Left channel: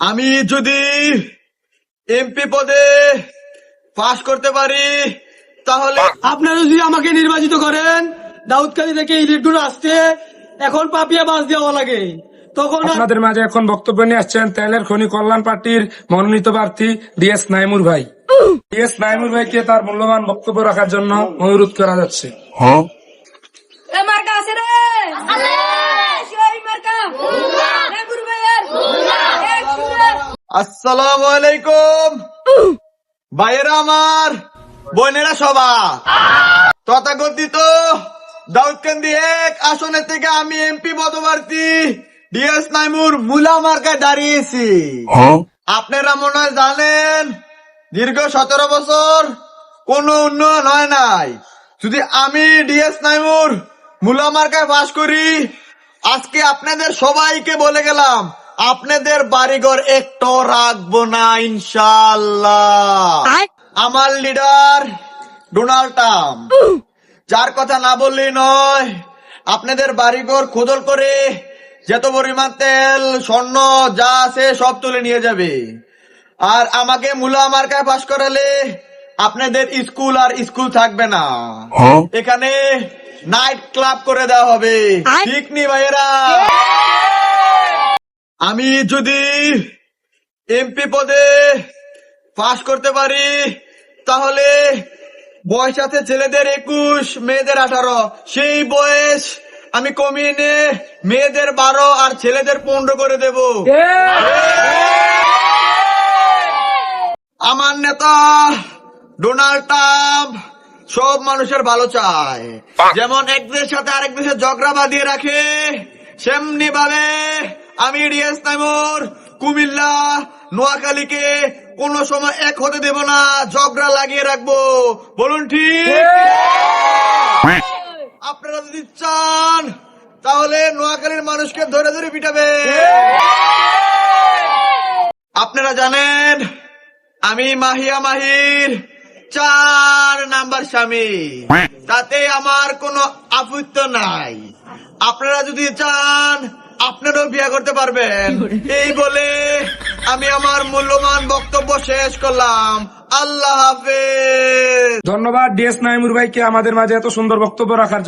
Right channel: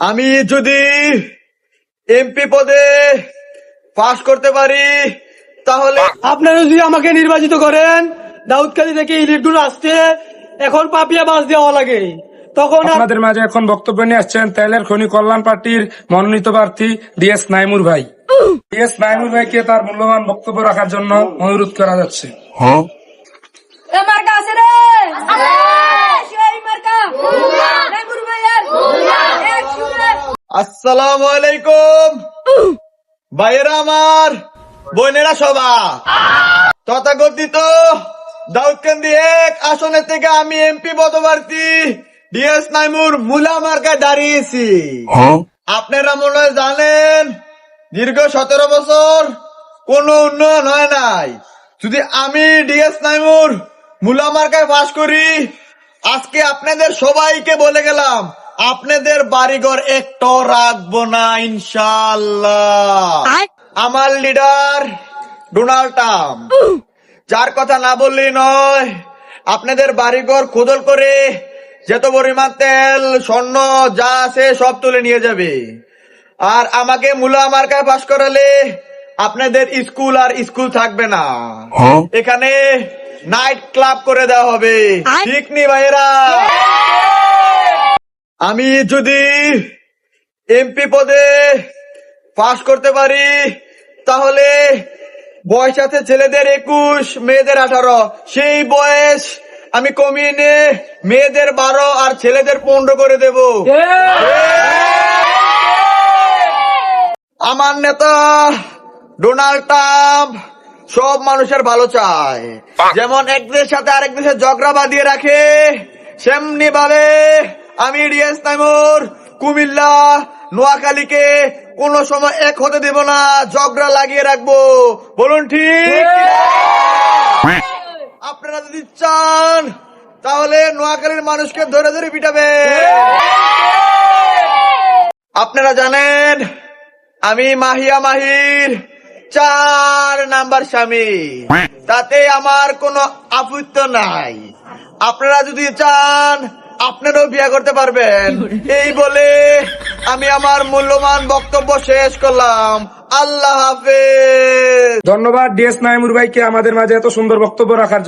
আমি যদি এমপি পদে পাস করতে পারি তাহলে আপনারা যদি আমাকে নির্বাচিত করেন, দাউদকালী থেকে ইলেকট্রন আসতে এখন পাপিয়া বাস দেওয়া লাগে, তখন আপনাদের মাঝে এখন বক্তব্য নিয়ে আসছেন তেলের খনি কল্যাণ পার্টির মনোনীত প্রার্থী ডিএস নাইমুর ভাই। ডিএস নাইমুর ভাইকে তার মূল্যবান বক্তব্য রাখার জন্য অনুরোধ করা যাচ্ছে। আসসালামু আলাইকুম ভাইয়েরা আমার, বোনেরা সবা, তথাকথিত দাউদকান্দি 1 আসনের থেকে আমি এমপি পদপ্রার্থী ডিএস নাইমুর মুলা মার্কায় দাঁড়িয়েছি। আপনারা মনে হয় জানেন, দীর্ঘ 17 বছর কোনো উন্নয়ন হয় নাই। যদি আমি ডিএস নাইমুর মুলা মার্কায় পাস করি, আজকে আপনাদের সবাইকে বলে গেলাম, আপনাদের বাড়িঘর একটাও রাখবো না ইনশাআল্লাহ। আমার লিডার ডোনাল্ড ট্রাম্প, যার কথা না বললেই নয়, আপনাদের বাড়িঘর খোদল করে যত পরিমাণ তেল স্বর্ণ যা আছে সব তুলে নিয়ে যাবে। আর আমাকে মুলা মার্কায় পাস করালে আপনাদের স্কুল আর স্কুল থাকবে না, এখানে নাইট ক্লাব করে দেওয়া হবে। ঠিক নি ভাইয়েরা? আমি যদি এমপি পদে পাস করতে পারি তাহলে বয়স আছে ছেলেদের 21, মেয়েদের 18, সেই বয়স আমি কমিয়ে নিয়ে মেয়েদের 12 আর ছেলেদের 15 করে দেব। আমার নেতা ডোনাল্ড ট্রাম্প সব মানুষের ভালো চায়, যেমন এক দেশের সাথে আরেক দেশের ঝগড়া বাঁধিয়ে রাখে, সেমনি ভাবে আমি ডিএস নাইমুর কুমিল্লা নোয়াখালীকে কোন সময় এক হতে দেব না, ঝগড়া লাগিয়ে রাখবো। বলুন ঠিক? আপনারা যদি চান তাহলে নোয়াখালীর মানুষকে ধরে ধরে পিটাবে। আপনারা জানেন আমি মাহিয়া মাহির 4 নাম্বার স্বামী, তাতে আমার কোনো আপত্তি নাই। আপনারা যদি চান আপনারাও বিয়ে করতে পারবেন। এই বলে আমি আমার মূল্যবান বক্তব্য শেষ করলাম। আল্লাহ হাফেজ। ধন্যবাদ ডিএস নাইমুর ভাইকে আমাদের মাঝে এত সুন্দর বক্তব্য রাখার জন্য।